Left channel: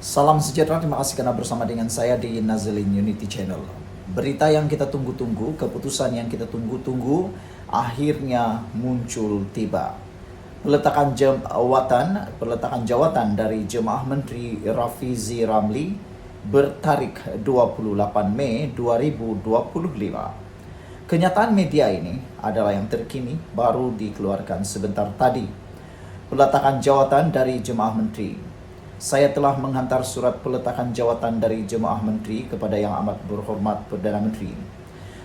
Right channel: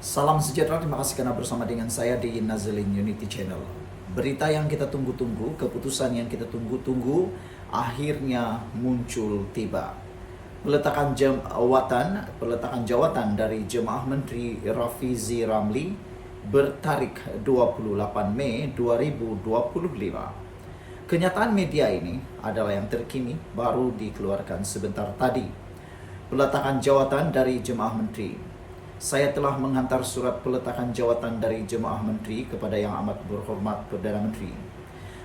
Salam sejahtera, terima kasih karena bersama dengan saya di Nazilin Unity Channel. Berita yang kita tunggu-tunggu, keputusan yang kita tunggu-tunggu, akhirnya muncul tiba. Peletakan jawatan dari Jemaah Menteri Rafizi Ramli bertarik 28 Mei 2025. Kenyataan media ini adalah yang terkini baru dikeluarkan sebentar tadi. Peletakan jawatan dari Jemaah Menteri. Saya telah menghantar surat peletakan jawatan dari Jemaah Menteri kepada Yang Amat Berhormat Perdana Menteri.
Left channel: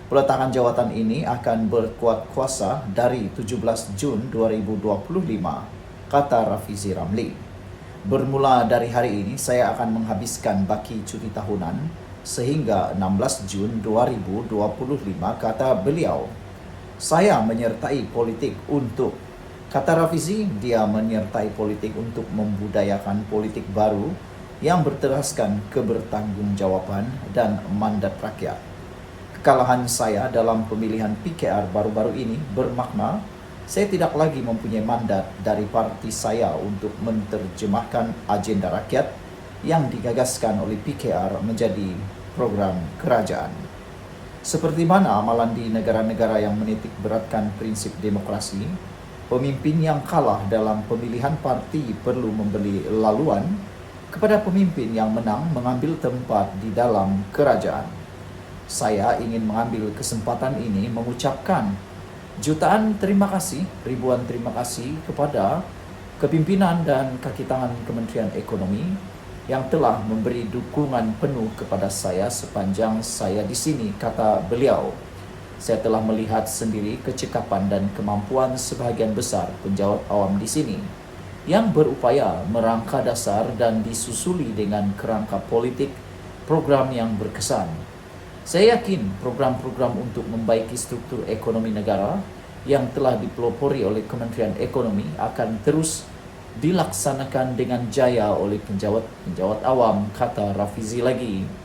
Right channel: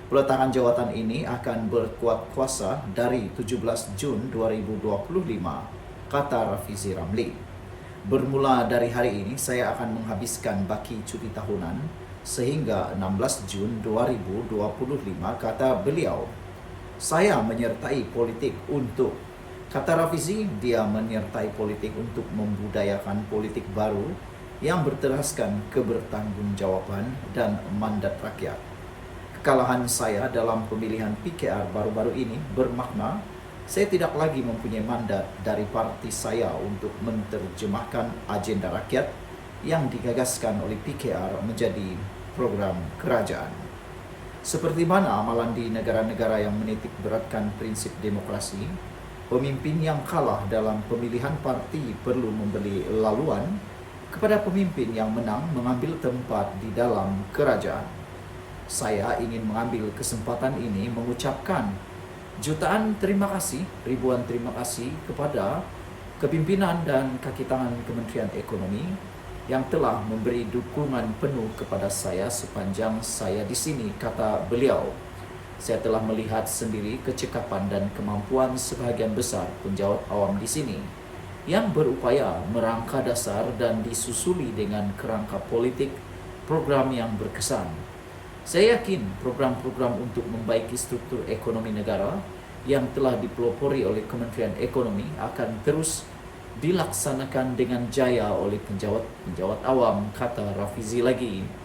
Peletakan jawatan ini akan berkuat kuasa dari 17 Jun 2025, kata Rafizi Ramli. Bermula dari hari ini, saya akan menghabiskan baki cuti tahunan sehingga 16 Jun 2025, kata beliau. Saya menyertai politik untuk Kata Rafizi, dia menyertai politik untuk membudayakan politik baru yang berteraskan kebertanggungjawaban dan mandat rakyat. Kekalahan saya dalam pemilihan PKR baru-baru ini bermakna saya tidak lagi mempunyai mandat dari parti saya untuk menerjemahkan agenda rakyat yang digagaskan oleh PKR menjadi program kerajaan. Seperti mana amalan di negara-negara yang menitik beratkan prinsip demokrasi, pemimpin yang kalah dalam pemilihan parti perlu memberi laluan kepada pemimpin yang menang mengambil tempat di dalam kerajaan. Saya ingin mengambil kesempatan ini mengucapkan jutaan terima kasih, ribuan terima kasih kepada kepimpinan dan kaki tangan Kementerian Ekonomi yang telah memberi dukungan penuh kepada saya sepanjang saya di sini, kata beliau. Saya telah melihat sendiri kecekapan dan kemampuan sebahagian besar penjawat awam di sini yang berupaya merangka dasar dan disusuli dengan kerangka politik program yang berkesan. Saya yakin program-program untuk membaiki struktur ekonomi negara yang telah dipelopori oleh Kementerian Ekonomi akan terus dilaksanakan dengan jaya oleh penjawat awam, kata Rafizi lagi.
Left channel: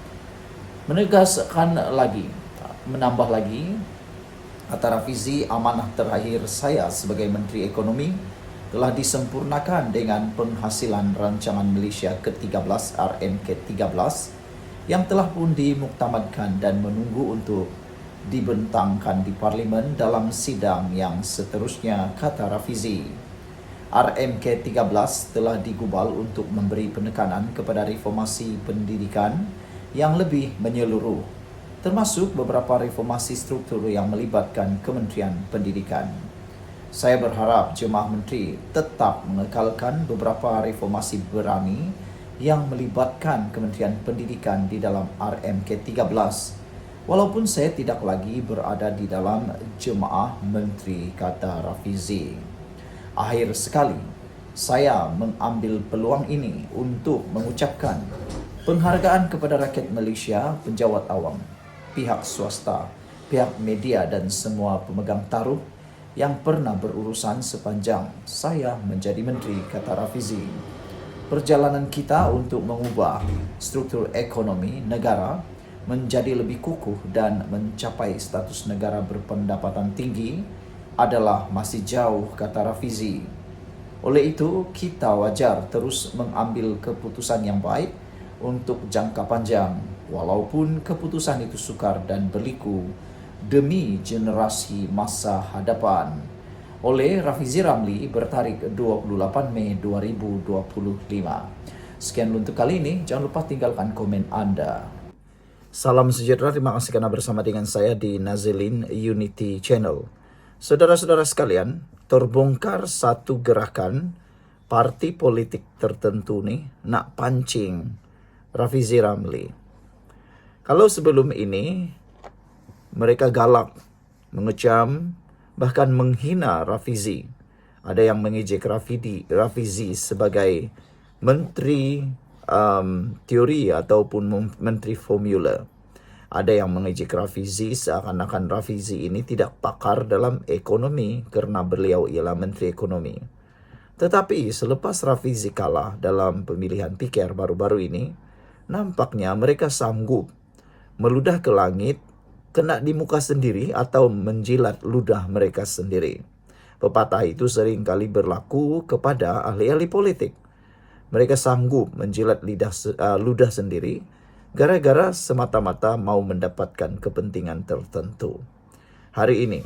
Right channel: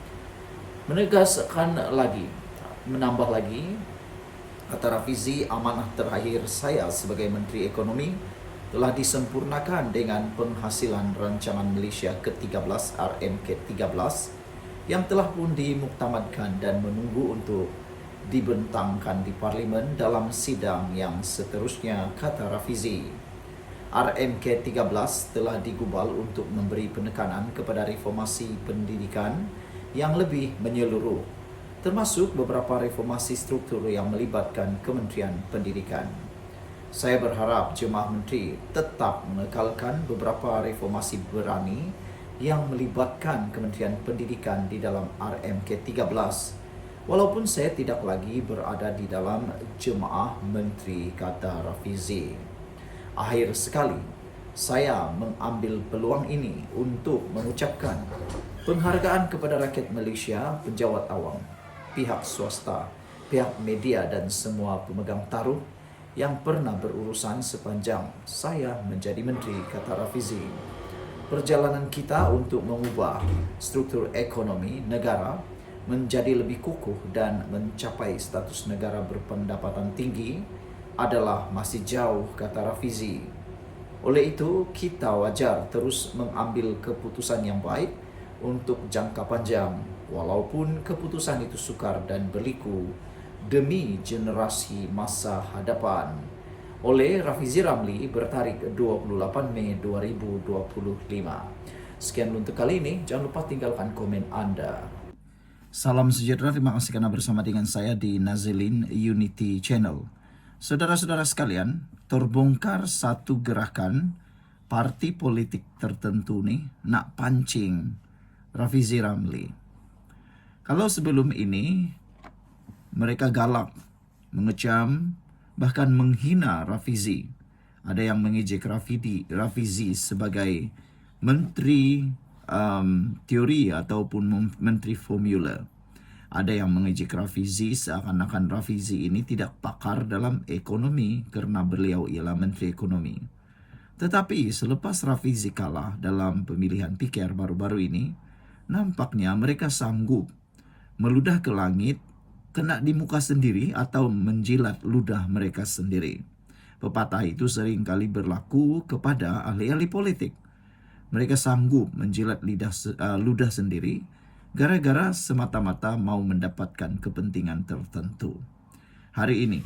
Menambah lagi, kata Rafizi, amanah terakhir saya sebagai Menteri Ekonomi telah disempurnakan dengan penghasilan rancangan Malaysia ke-13 RMK-13 yang telah pun dimuktamadkan dan menunggu untuk dibentangkan di Parlimen dalam sidang yang seterusnya, kata Rafizi. RMK-13 telah digubal untuk memberi penekanan kepada reformasi pendidikan yang lebih menyeluruh, termasuk beberapa reformasi struktur yang melibatkan Kementerian Pendidikan. Saya berharap Jemaah Menteri tetap mengekalkan beberapa reformasi berani yang melibatkan Kementerian Pendidikan di dalam RMK-13, walaupun saya tidak lagi berada di dalam Jemaah Menteri, kata Rafizi. Akhir sekali, saya mengambil peluang ini untuk mengucapkan penghargaan kepada rakyat Malaysia, penjawat awam, pihak swasta, pihak media dan semua pemegang taruh yang pernah berurusan sepanjang saya menjadi menteri, kata Rafizi. Perjalanan kita untuk mengubah struktur ekonomi negara menjadi lebih kukuh dan mencapai status negara berpendapatan tinggi adalah masih jauh, kata Rafizi. Oleh itu, kita wajar terus mengambil keputusan yang baik untuk jangka panjang, walaupun keputusan itu sukar dan berliku demi generasi masa hadapan. Oleh Rafizi Ramli, bertarikh 28 Mei 2025. Sekian untuk kali ini, jangan lupa tinggalkan komen Anda. Salam sejahtera, terima kasih karena bersama dengan saya di Nazilin Unity Channel. Saudara-saudara sekalian, terbongkar satu gerakan parti politik tertentu nih nak pancing Rafizi Ramli. Kalau sebelum ini mereka galak, mengecam, bahkan menghina Rafizi. Ada yang mengejek Rafizi sebagai menteri teori ataupun menteri formula. Ada yang mengejek Rafizi seakan-akan Rafizi ini tidak pakar dalam ekonomi karena beliau ialah menteri ekonomi. Tetapi selepas Rafizi kalah dalam pemilihan PKR baru-baru ini, nampaknya mereka sanggup meludah ke langit, kena di muka sendiri atau menjilat ludah mereka sendiri. Pepatah itu sering kali berlaku kepada ahli-ahli politik. mereka sanggup menjilat ludah sendiri gara-gara semata-mata mau mendapatkan kepentingan tertentu. Hari ini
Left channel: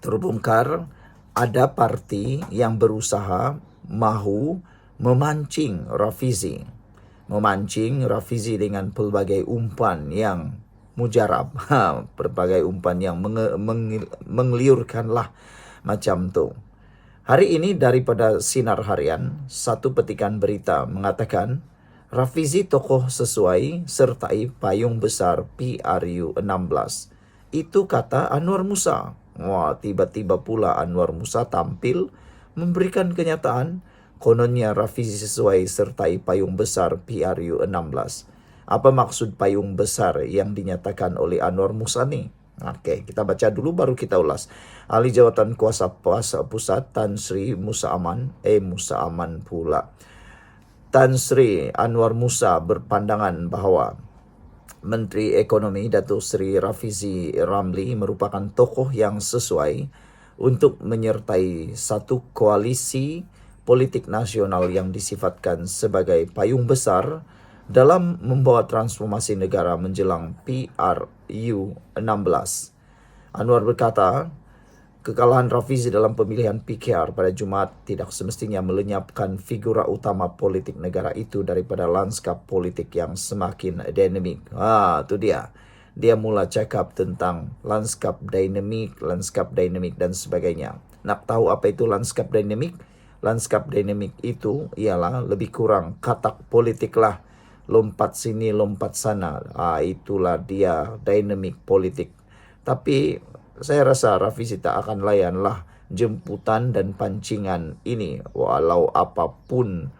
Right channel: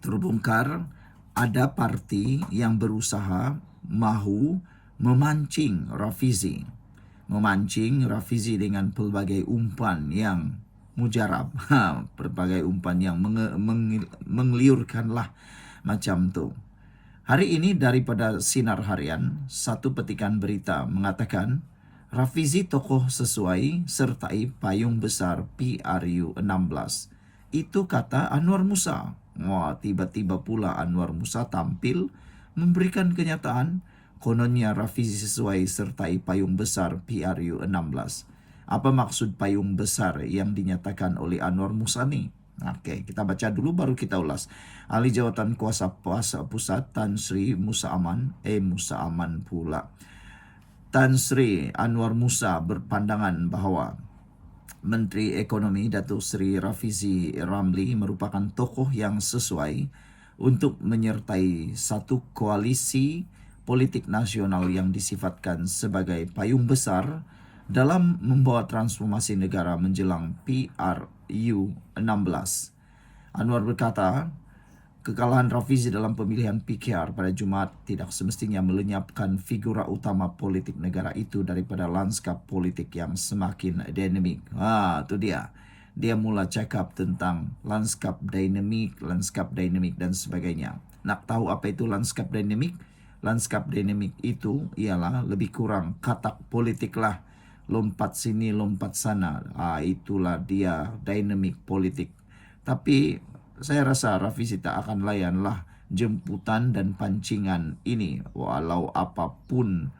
terbongkar ada parti yang berusaha mahu memancing Rafizi dengan pelbagai umpan yang mujarab, berbagai umpan yang mengliurkan lah macam tu. Hari ini daripada Sinar Harian, satu petikan berita mengatakan Rafizi tokoh sesuai sertai payung besar PRU 16. Itu kata Anwar Musa. Wah, tiba-tiba pula Anwar Musa tampil memberikan kenyataan kononnya Rafizi sesuai sertai payung besar PRU 16. Apa maksud payung besar yang dinyatakan oleh Anwar Musa ni? Oke, kita baca dulu baru kita ulas. Ahli Jawatan Kuasa Pusat Tan Sri Musa Aman pula. Tan Sri Anwar Musa berpandangan bahawa Menteri Ekonomi Datuk Seri Rafizi Ramli merupakan tokoh yang sesuai untuk menyertai satu koalisi politik nasional yang disifatkan sebagai payung besar dalam membawa transformasi negara menjelang PRU 16. Anwar berkata, kekalahan Rafizi dalam pemilihan PKR pada Jumaat tidak semestinya melenyapkan figura utama politik negara itu daripada lanskap politik yang semakin dinamik. Itu dia. Dia mula cakap tentang lanskap dinamik dan sebagainya. Nak tahu apa itu lanskap dinamik? Lanskap dinamik itu ialah lebih kurang katak politik lah. Lompat sini, lompat sana. Itulah dia dinamik politik. Tapi saya rasa Rafizi tak akan layanlah jemputan dan pancingan ini. Walau apapun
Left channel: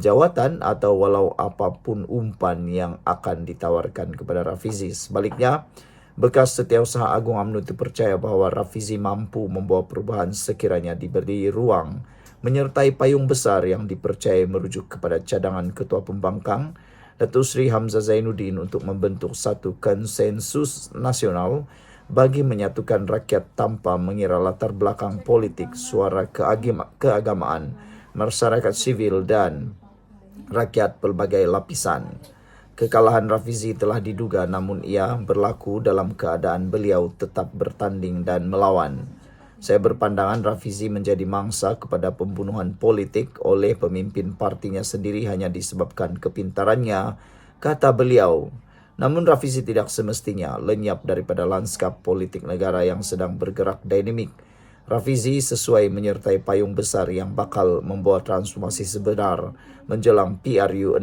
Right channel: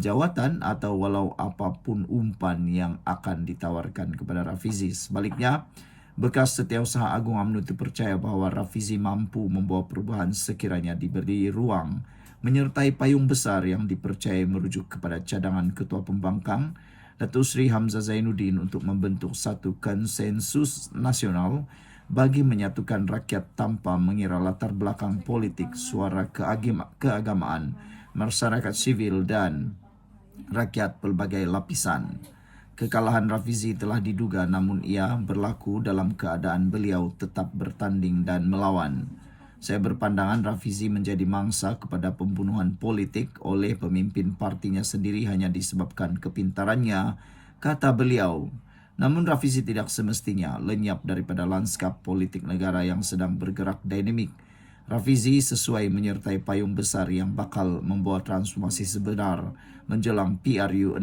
jawatan atau walau apapun umpan yang akan ditawarkan kepada Rafizi. Sebaliknya, bekas Setiausaha Agung UMNO itu percaya bahawa Rafizi mampu membawa perubahan sekiranya diberi ruang menyertai payung besar yang dipercayai merujuk kepada cadangan Ketua Pembangkang Datuk Seri Hamzah Zainuddin untuk membentuk satu konsensus nasional bagi menyatukan rakyat tanpa mengira latar belakang politik, suara keagamaan, masyarakat sivil dan rakyat pelbagai lapisan. Kekalahan Rafizi telah diduga namun ia berlaku dalam keadaan beliau tetap bertanding dan melawan. Saya berpandangan Rafizi menjadi mangsa kepada pembunuhan politik oleh pemimpin partinya sendiri hanya disebabkan kepintarannya, kata beliau. Namun Rafizi tidak semestinya lenyap daripada lanskap politik negara yang sedang bergerak dinamik. Rafizi sesuai menyertai payung besar yang bakal membawa transformasi sebenar menjelang PRU 16,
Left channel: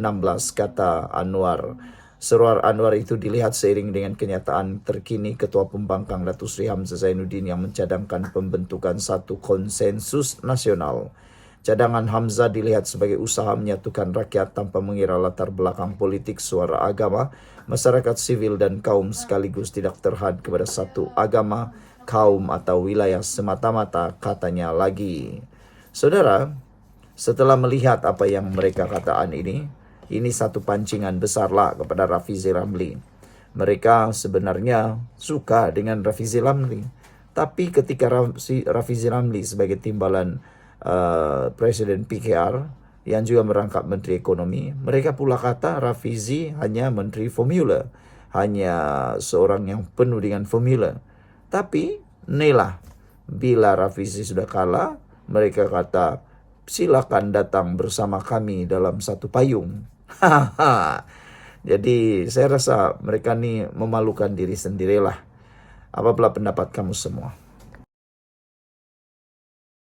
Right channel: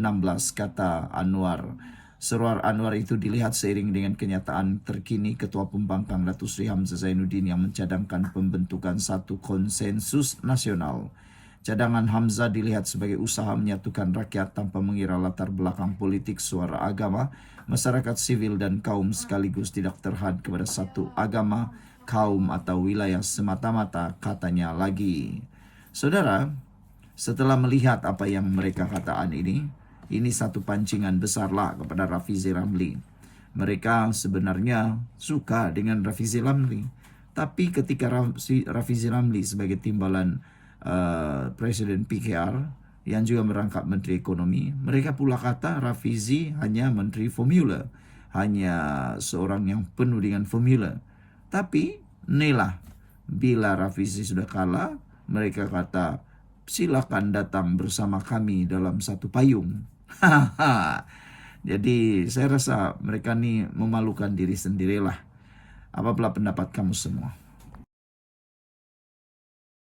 kata Anwar. Seruan Anwar itu dilihat seiring dengan kenyataan terkini Ketua Pembangkang Datuk Seri Hamzah Zainuddin yang mencadangkan pembentukan satu konsensus nasional. Cadangan Hamzah dilihat sebagai usaha menyatukan rakyat tanpa mengira latar belakang politik, suara agama, masyarakat sivil dan kaum sekaligus tidak terhad kepada satu agama, kaum atau wilayah semata-mata, katanya lagi. Saudara, setelah melihat apa yang mereka katakan ini satu pancingan besarlah kepada Rafizi Ramli. Mereka sebenarnya suka dengan Rafizi Ramli. Tapi ketika Rafizi Ramli sebagai timbalan Presiden PKR yang juga merangkap Menteri Ekonomi, mereka pula kata Rafizi hanya Menteri Formula. Hanya seorang yang penuh dengan formula. Tapi inilah, bila Rafizi sudah kalah, mereka kata silakan datang bersama kami dalam satu payung. Jadi saya rasa mereka ni memalukan diri sendirilah. Apa pula pendapat kamu semua?